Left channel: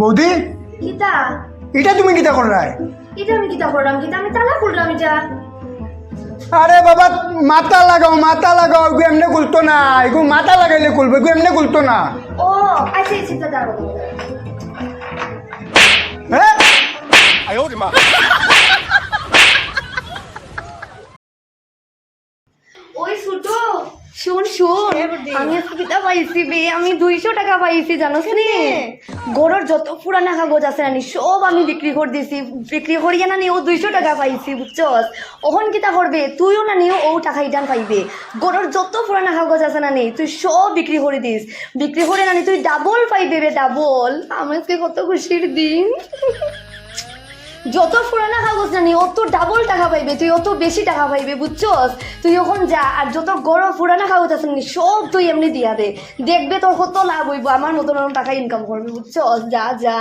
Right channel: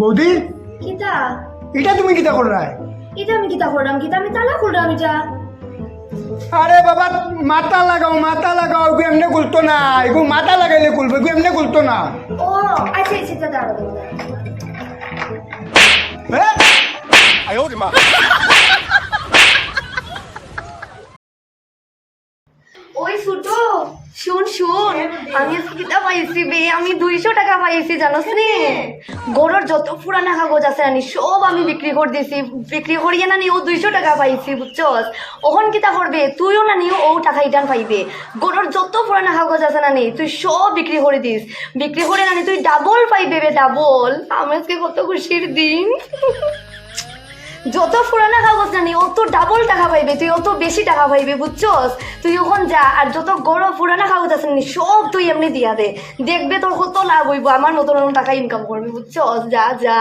বৌদি কিতা এটা তুমি কিতা করলাই? এটা আমি কিতা করলাম? কিতা আমি তালা খুললাম এটা। আরে বাবা মাথা লাগাও এমনি খুলতো না, এগুলো মাথা লাগাইলে খুলবে, এগুলো এমনি খুলতো না। ও আচ্ছা আচ্ছা দাঁড়াও। হ্যাঁ ওই ছোট শুন আমি কিতা পাইছি বে, আমি 200 টাকা পাইছি জানোস নি? গরুর যত পুরানা কাগজ আছে না সব আমি বিক্রি করে দিছি, বিক্রি করিয়া না নি ও 200 টাকা পাইছি বুঝছস। ওখন কিতা করবে তুইও না নিও ও টাকা ইটান পাইবে। গরুর যত পুরানা কাগজ আছে না নি তুই সব বিক্রি করে দিস, বিক্রি করে না নি তুই ডাবল পাইবে বে, ডাবল। আমি আজকে কত খুশির দিন। যত পুরানা কাগজ জানি অত ডাবল টাকা পাইবে, তুই অত বেশি টাকা পাইবে বুঝছস। তুই ওখান যা আর যত গরম পুরানা কাগজ আছে নি সব তুই এমনি দিয়া দে, দেখবে তোর কত লাভ হইব, আমার মতন টাকা ইনকাম করবি বুঝছস। যা যা।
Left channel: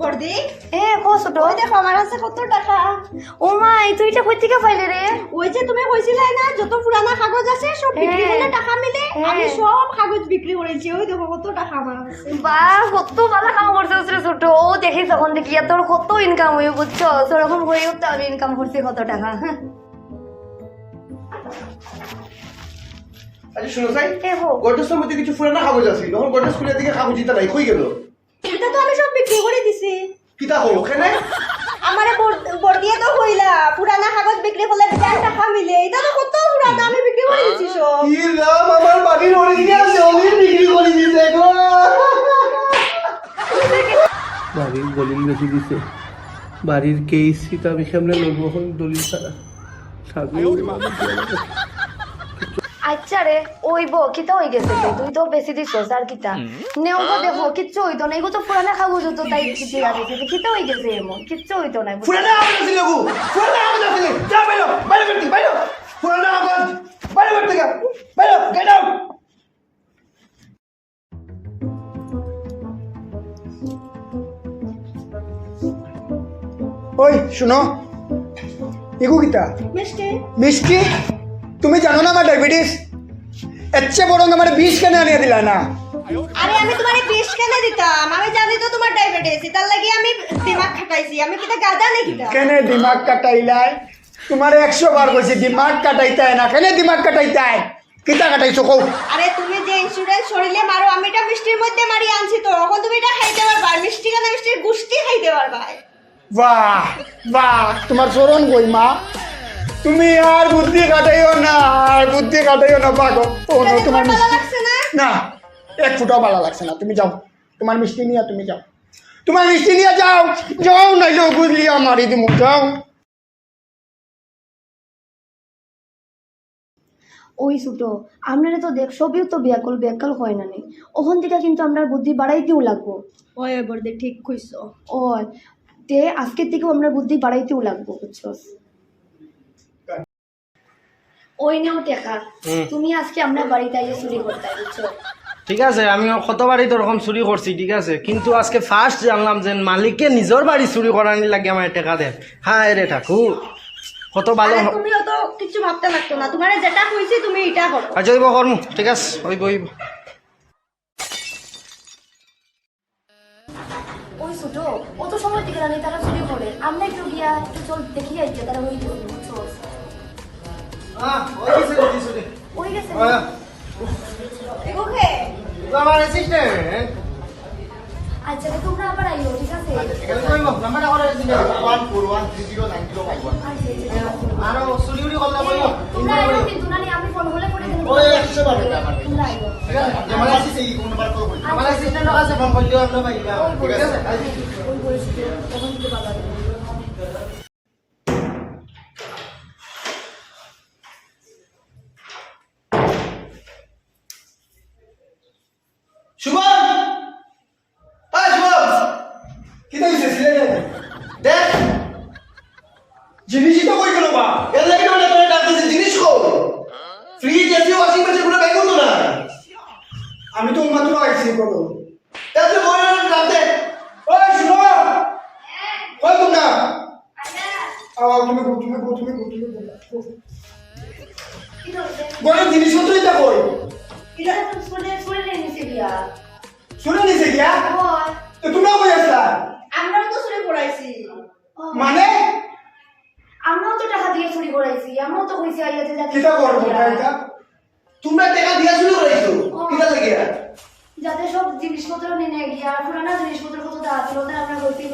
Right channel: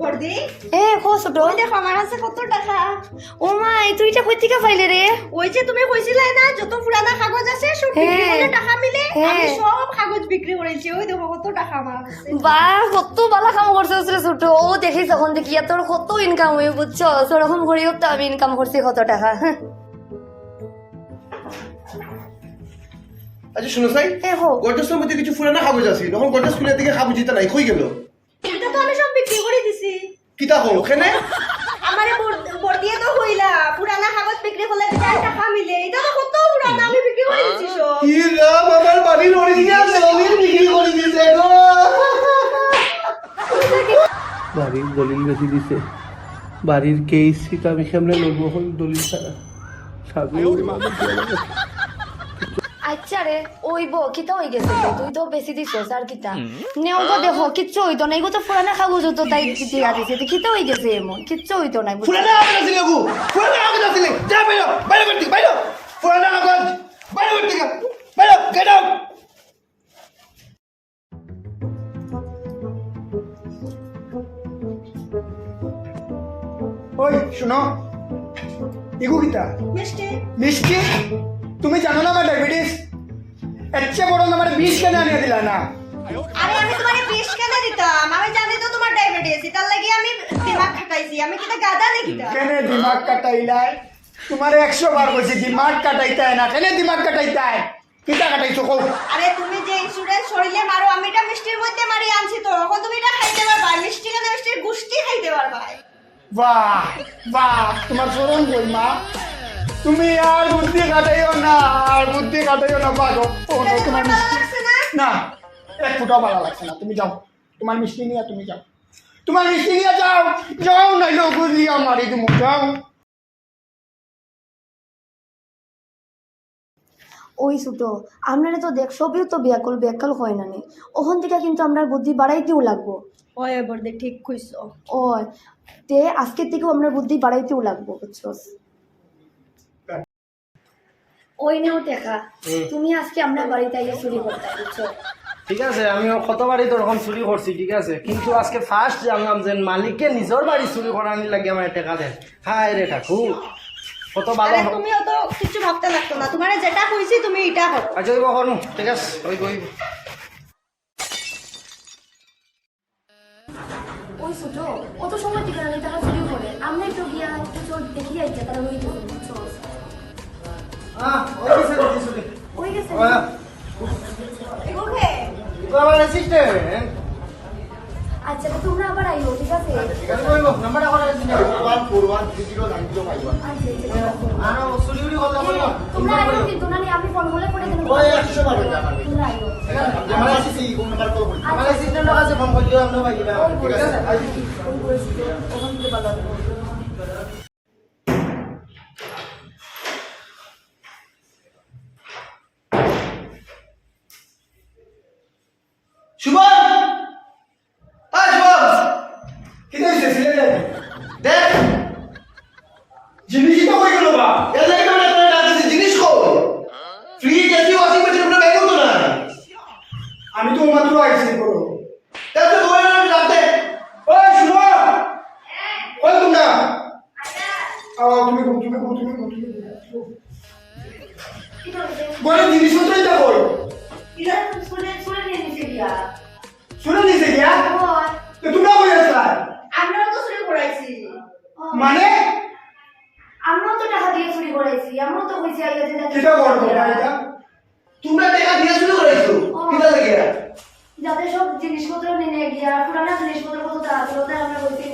বর্দি এ কো ছোট দেখো আমার আছে কত টাকা। ও মাই তুই এটা কই থেকে পাইলে রে? ওই যে তুমি কইছিলে না যত পুরানা কাগজ আছে সব বিক্রি হ্যাঁ। হলে টাকা মিলে, হ্যাঁ। আমি সব কাগজ বিক্রি করেছি। ওই দেখো কত টাকা আমার আছে। বা কত ভালো কাম করছিস রে ছোট। ও দেখিস তখন দেখি তোর কত ইনকাম হইব বুঝছস। ওরকম করিও তো আমি ইনকাম করছি কত টাকা। আচ্ছা শুনো সাই, এ হো গর্জাসের মধ্যে কিছু পুরানো কাগজ আছে, যখন গর্জাস খুলে দিকে কাগজ দিতে নাই কই গেল? এটা তো আমি সব বিক্রি করে দিছি। কিতা হো ওখানে? আমারে বর্দিয়ে তো কইলা পুরানা কাগজ বিক্রি করলে বেশি টাকা মিলে। এটা তো কত পুরানা, আমি বিক্রি করে দিছি সব। কি রাম, আমার বাড়ির অরিজিনাল জমি বিক্রি করে দিছে গো। বাড়ির দলিল বেশি দিছে, বাড়ির কেসিটা আমি সামনে লড়বো এখন দলিল ছাড়া। আচ্ছা রে ওইব কিতা হয়ে গেছে তো, তুই তো বেশি দিছস আর কিতা নেও তো দেখো কিচ্ছু হইতো না। এগুলো তো পুরানা কাগজ হতো তাই দিয়া দিছে, কিতা হয়ে গেছে এমন কিচ্ছু হইতো না। পুরানো কাগজ আছে গো, পুরানো কাগজ আছে, যা বাইরে বাইরে করতে বাইরে, পুরানো কাগজ বাইরে করতে গা, বাইরে গেট আউট। ওই শুনো, এগুলো কিতা? মিষ্টি মিষ্টি? তুমি জানো না আমার ডায়াবেটিস? এর চেয়ে বরং আমার 20 কেন আনিয়ে দিলা না? আরে আমি তোমারে 20 কেন দিতাম? আমি জানি তো তোমার ডায়াবেটিস, তার লাগি আমি দিমাগ খাটাইছি। আমি কিটা গাদা নাকি কিটা? কেন দিমাগ কাটাইলাই? তোমার 100 বার কইছি দিমাগ কাটাইতে হয় না, কেন দিমাগ কাটাইতে হয়? কিতা কাটাইছো কও? আরে তুমি যে ইন্স্যুরেন্স শরীরে মারো, আমি এটা মিষ্টির মধ্যে মারি আনছি তো, এখন তুমি এটা খাইতে পারবা। মিষ্টি কেন মিষ্টির গুষ্টি খাইতে পারবা। বাহ বাহ, তোমার চরণ কই মা, তুমি আর বুদ্ধি কাটাইও না, আর বুদ্ধি কাটাইও না পাগো। ও না তোমার ভালো মিষ্টি লাগছে না? না, এক ফুটাও ভালো লাগছে না। তুমি যাও, তোমার মিষ্টি নিয়ে তুমি যাও, তোমার মিষ্টি নিয়ে যাও, যাও নাইলে বুঝলি আমারই তুমি যাও। ওই ছোট আপনারা তো দেখ সবই তো ব্যাকল হয় না নি, ওখান থেকে কিন্তু আমরা বুদ্ধি বাড়াইতেও লাগবো। ওই বর্দি ঠিক কইছো। ও তে আজকের থেকেও আমরা বুদ্ধি বাড়াইতেও লাগবো বুঝছস। ওই নেও টাকা, তুমি আজকে আমরা বাড়িতে আইলে চুরি করতে বুঝছো। ঠিক আছে, আমি কতবারই তো এরকম চুরি করছি, ঠিক আছে, কিন্তু আজকে ফার্স্ট জানলাম যে মালিককে নিজের বাড়ি চুরি করানি লাগে আমার টাকা দেন। হায় রে ঠাকুর, কত ভালো। আরে তুমিও তো কিছু ভাবতে লাগতো না, তোমারে যেটা কইছি তুমি এটা করো। আচ্ছা ওই করুন, ঠিক আছে ওই গই। ওই ছোট অত সময় থেকে না তারা চুরি করে, আমরা একটু গিয়া একটু চল দেখি আইতে তারা কি করে বুঝছো। হ্যাঁ ওই গেছে ওই গেছে ওকে আমার অ্যাসিস্ট্যান্ট আচ্ছা তোমরা আবার আইও ঠিক আছে। কই গো নাম্বার আমার দিন 141309051। আরো চুরি উরি করলে কইও। তোমরা আইও কিন্তু না আমি ফোন বলে করে দেব। ওই 100 বার টাকা না। তোমরা আইও আমার আছে এই কোন নাম্বার কল করি। আমার অ্যাসিস্ট্যান্টের কাছে ফোন করে দিও আমরা ভাইবা, ঠিক আছে। ওই বলছি ওখান থেকে বাবা শুভম, আয় শুভম, কি হইছে সিলেটে? দেখ জিনিসই তো কই গেল বা? এর লাগে আমরা তোরে ডাকতেছি, জিনিস কো ফ্রিজ এসি ওয়াশিং মেশিন পুরো ব্যাগ করতো না। আমি তো মাত্র আইছি করো। এত বড় ডাকতে ওই শুনো, কই তোমরা? তুমি গো। কি করবে গড়ের জিনিসপত্রই তা কই এটা শুনে শুনে নিয়েছি গিয়া শুনে নিছে গিয়া হয়। তো তোমরা কই আসলা আমরাও তো চুরি করাইছি মানে আমরাও তো টাকা দিয়ে চুরি করেছি আমরাও তো কইছি আইয়া যে যাতে কিটা করবো এটা তোমরা টাকা দিয়া শুরু করাইছো কিটা লাগিয়া যাতে সব জিনিসপত্র নিয়ে গিয়া পুরানা জিনিসপত্র কত টাকা ছিল তাই আমরা কইছি